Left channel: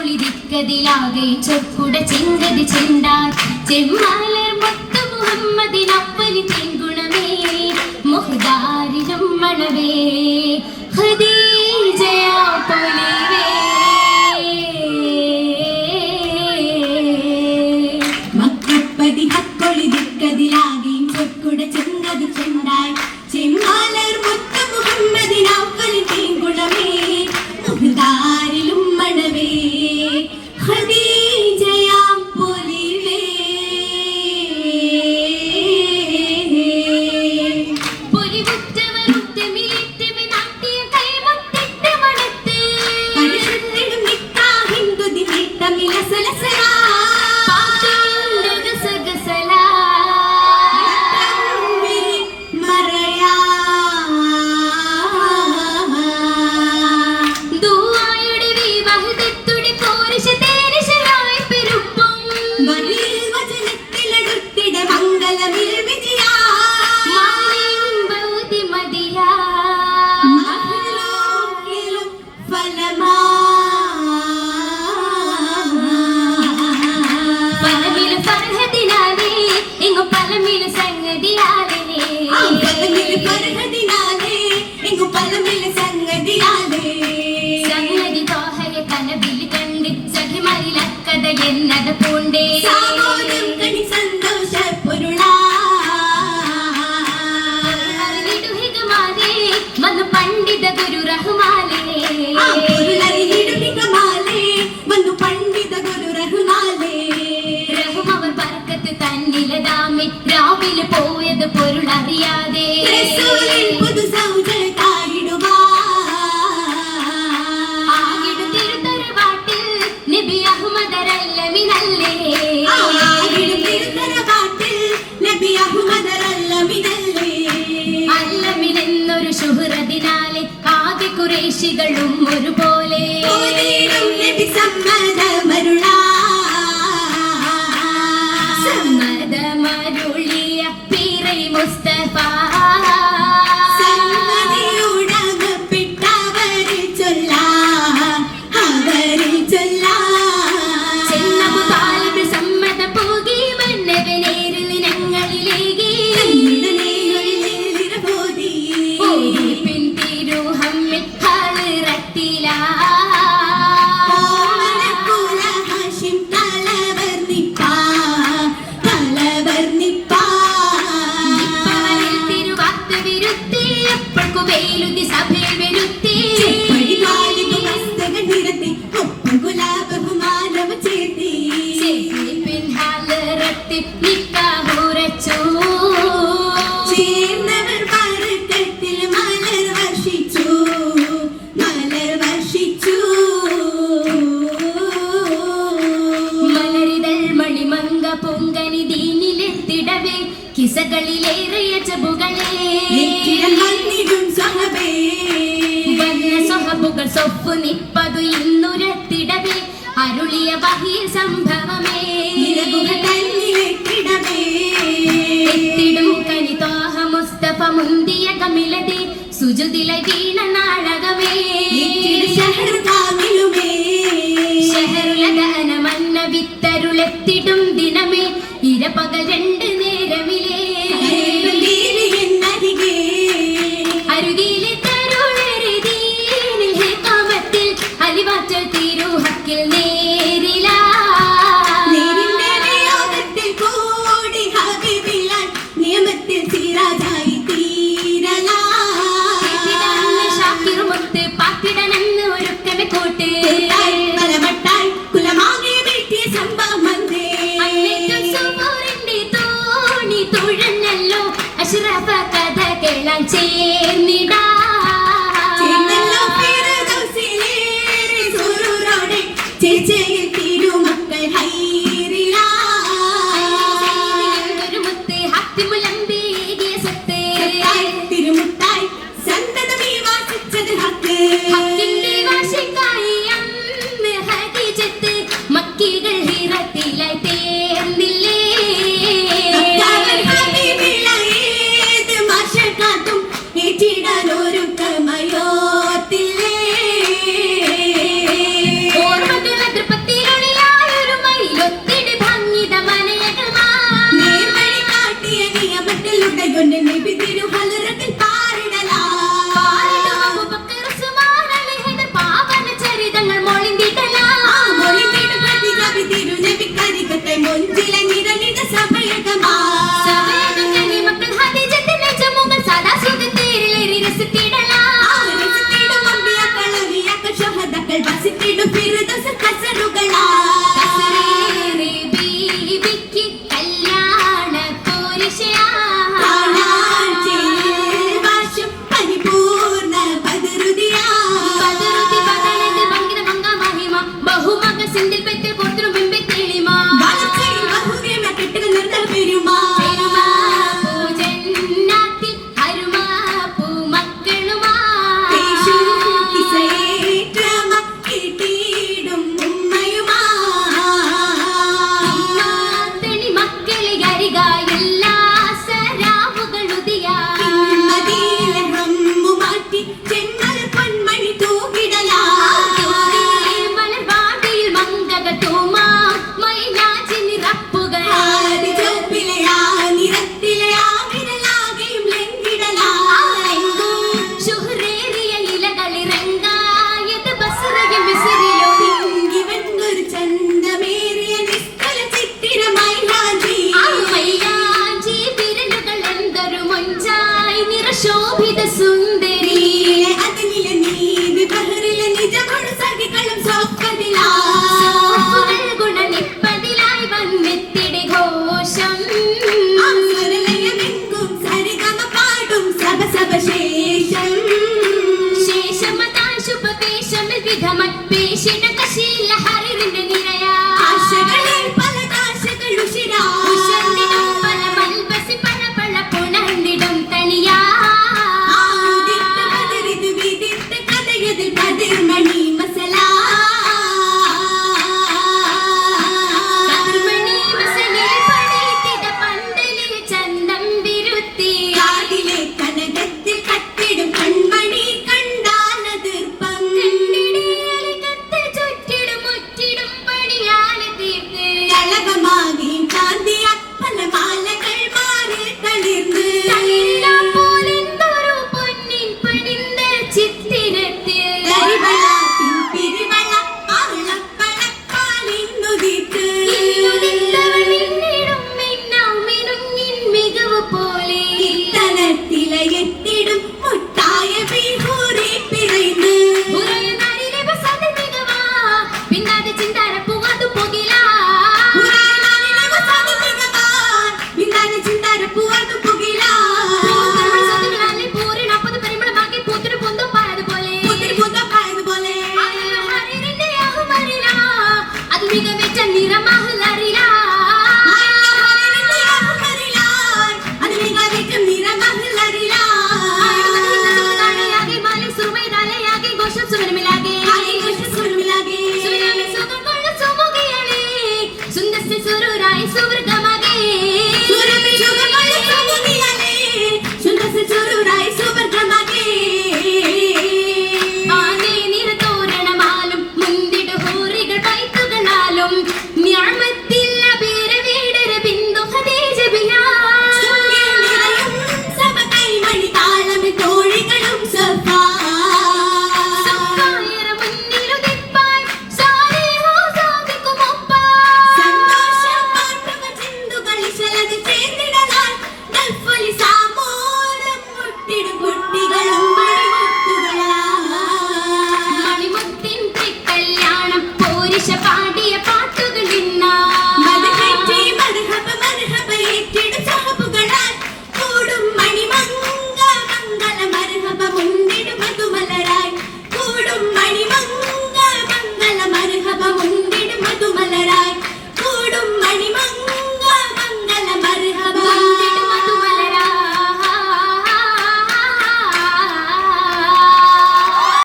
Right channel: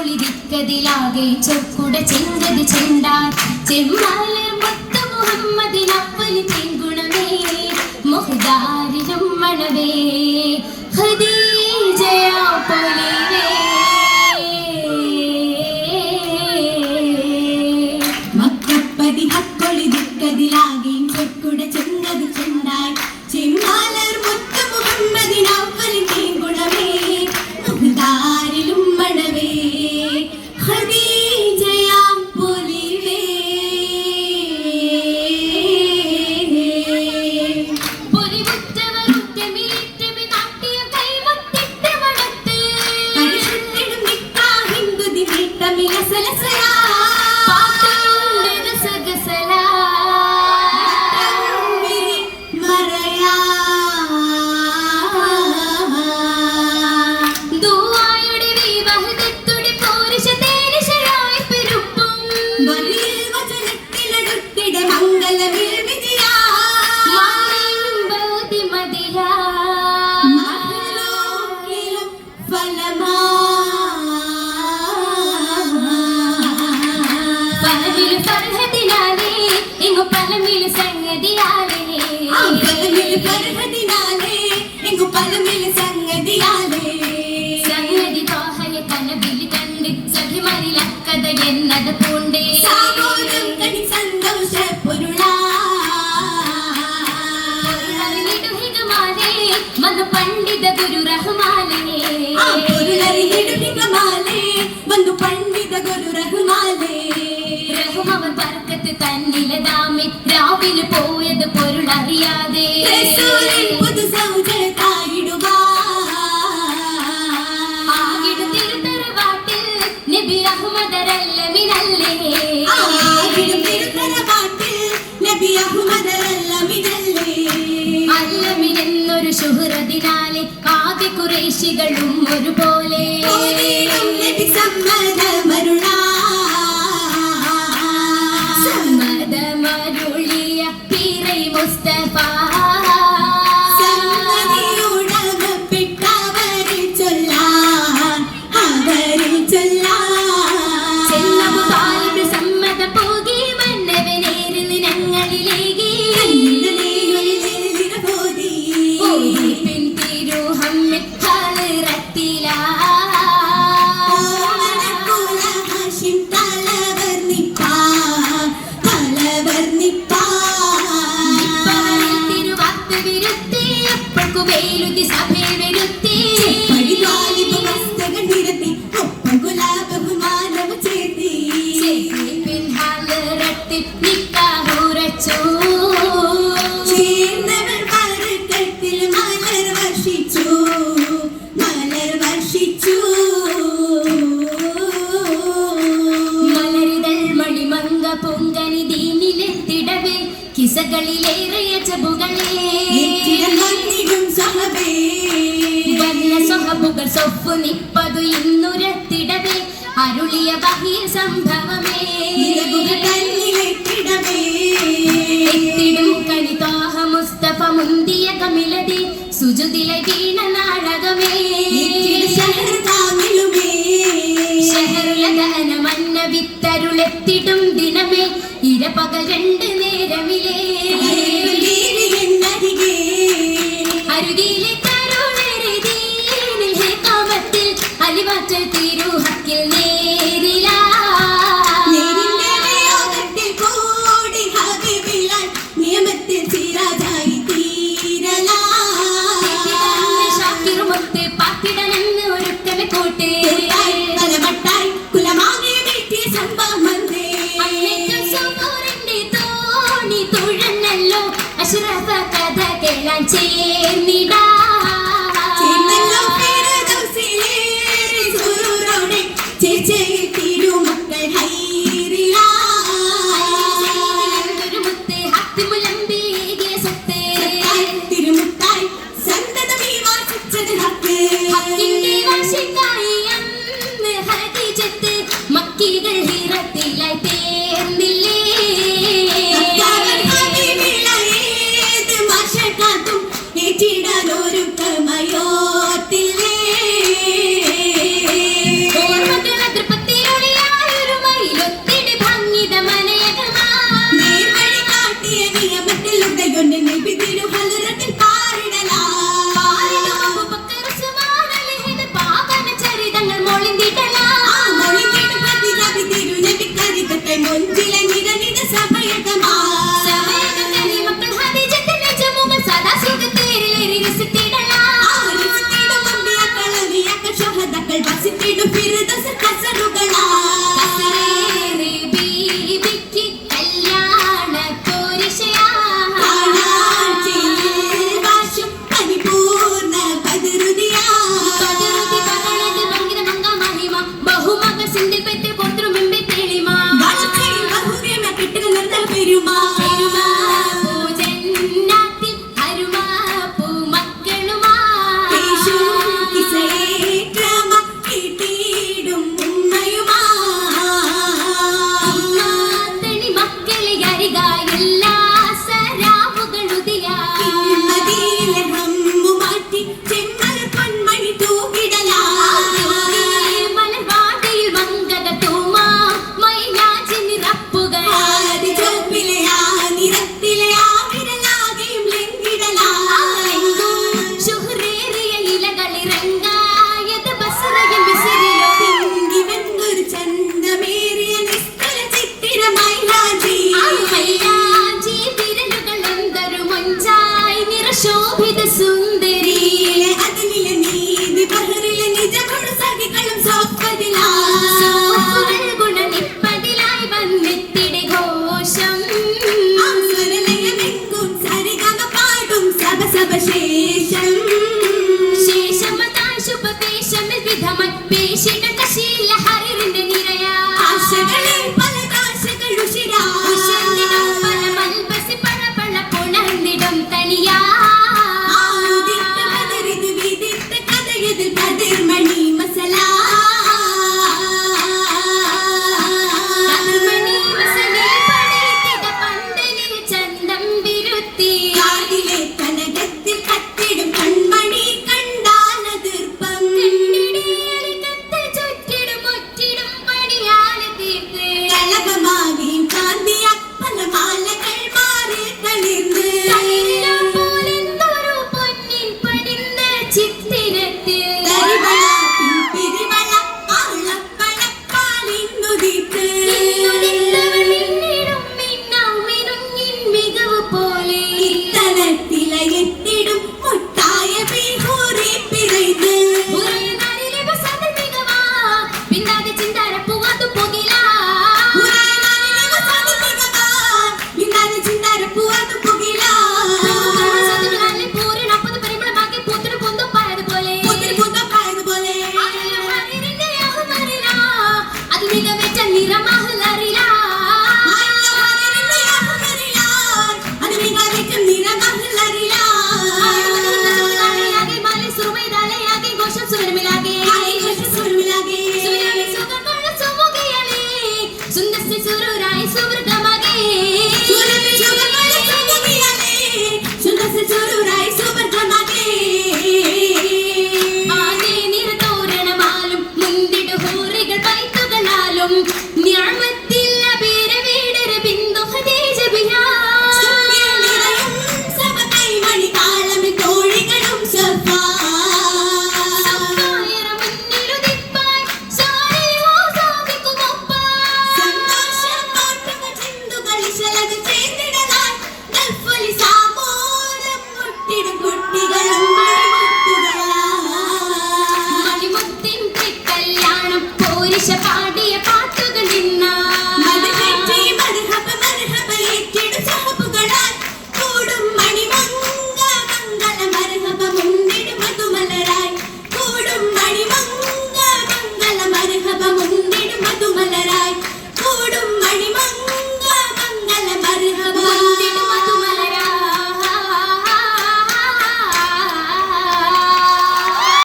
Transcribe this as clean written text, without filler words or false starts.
ഹക്കൊളിരിക്കതിലാകെ ചൊക്കുട ചെങ്കതി ചെണ്ടാൽ ചെമ്മാലർ മുത്ത് മുഹമ്മദിനപ്പന് ചെങ്കുണമേ മുഹ്ദാരിലും മണവേ ഖദീജയാ പൊലിവേ മക്കപ്പതി ഹക്കൊളിരിക്കതിലാകെ ചൊക്കുട ചെങ്കതി ചെണ്ടാൽ ചെമ്മാലർ മുത്ത് മുഹമ്മദിനപ്പന് ചെങ്കുണമേ മുഹ്ദാരിലും മണവേ ഖദീജയാ പൊലിവേ പൊലിവുറ്റവരുറ്റമിലിറ്റമി നാട്ടിയ കൈമുത്തിട്ട് മണത്ത് പരിശുദ്ധനും നിക്കാഹിന്ദുതി നീട്ടമിലസലസലാ പാട്ടുണ്ട് ഗസഗസലാ മറയാ ദുആയുടെ വിവാഹത്തുടി പോരിശതേനിശയായി പെരുപ്പും മറിയിൽ വചനത്തിലടുത്തിട മംഗളമിൽ വിജയാ മാലിം ബൗതി മദിയാ മഹ്ലൂക്കിലും ഫലമാ പലവിൽ ഫർഹദിനാലേ ഇങ്ങു പലമിൽ സംഗതിയാലേ പലമിൽ ഫർഹദിനാലേ ഇങ്ങു പലമിൽ സംഗതിയാലേ സംഗതി തോഹയ കനവിൽ കണ്ട് സഖിമാരിലക്കഥ എന്നത് പൂണ്ടേ സാമോദം കണി സന്തോഷ പൊരുളാ ിടുഹികമാലേ വന്നു പണ്ഡിത ഗുരു റഹ്മാലേ പൊരുളറിയിടുഹികമാലേ വന്നു പണ്ഡിത ഗുരു റഹ്മാലേ റഹ്മവൻ ബർക്കത്ത് തന്നിലതാമി രാവിലെ പോയത് പൊരുളറിയാതെ റസൂലിൻ പുതു സൗജത്തായിടുവാ ആകിടു തിരുത്തറവാട്ടിൽ നബി അഹ്മദരല്ലമിനല്ലേ ആകിടു തിരുത്തറവാട്ടിൽ നബി അഹ്മദരല്ലമിനല്ലേ അല്ലമിനെന്നൊരു ശുഹ്റതിനാലെ കാതി ഖുറൈശികളും ഒരുപോലെ നബി സമ്മതമരുളാ സമ്മതമരുളിയ പീറൈ മുസ്തഫ സമ്മതിയുടകപ്പെട്ടവരിൽ ചൊല്ലാൻ അവരിൽ ചൊല്ലാൻ ചെന്നബു താലിബ് സമ്മത പോകി മന്നവനേരിൽ ഞങ്ങളിലേകി പോയി പിൻ തിരുഹമ്മദ് ഹാളിറത്തിലാ വേലുതി സഭയിൽ വരുത്തി നിരത്തി ഒപ്പം ഗുലാബ് ബഹുമാനവ ചേർത്തി പിൻഹാലറത്തി നിക്കാഹുറച്ചു ചേർന്നവർ പരക്കത്തിൽ മലർ വർഷിച്ചു മലരിതൾ മണിമങ്ക പൊങ്കനി ദീനിലെത്തിടവേ കിസകളിലേറിയ ചബുകളേ സൊഹബുകൾ സൊഫു നിപ്പതു ഇന്നുരത്തിടവേ അരുളിയ ബഹിയ സംഭവമേ എത്തിടും കനി തോഹ മുസ്തഫ മുന്തിയ കമിലതി സുജുദിലെ വീണ നാടകമേ ശഹറുലദന മന്ന വിത്തരുളെത്തിടും ദിനമേ ഇരപകൽ രണ്ട് നേരമിലേ അരുകിലെ അലിവാറ്റൽ തിരുഹക്കിൽ നേരിലാ നേരിന്റെ കൂടി ഹബീബിലാൽ നിയമത്തിൽ സിറാജായി തീരലാ ഷാക്കിർ മുത്ത് പാത്തിടനെന്ന് ഒരുക്കമെ കൂട്ട് പലവട്ടായി കുലമാകെ വീട്ടിയ സംഭവം വന്നേ അന്നേറ്റം സുമൂറിന്റെ തോണി തുഴഞ്ഞല്ലോ അഷ്റഫ കഥ കേളാൻ ചേർന്നിടാ ചേച്ചയിൽ തിരുമക്കൾ ഹൈറിലാ മുത്ത് ഹത്തിമുലമ്പിയെ സ്വത്ത് തിരുമുത്തായി സന്തതമീ വാസിച്ചത് ഹക്കിന്റെ വാശിക്കായി അന്ന് ഹദീജത്ത് മക്കികൾ ഹിറത്തിലായി തീർന്നില്ലേ ഹബീബിലായേത് മാഷക്കാത്തും ഏറ്റിടാനൊരു ശോഭിത സുന്ദരി ഗുണനിപ്പതിലായി വന്നെത്തിടെ ഘോഷം ശേഷമതാശുപേശമിൽ വിധമായി പേശിട കശീല ഹരിറിന്റെ നിരയാ ആശകളിൽ പല ദാശകളുഷിരാ പല മൽബസി പല പല പുണർന്നിടും തനിയാ കതിർമണി മസലാ കതിർമണി മസലേ പടർത്തിട പന്തലിൽ ചന്തം വിരുത്തി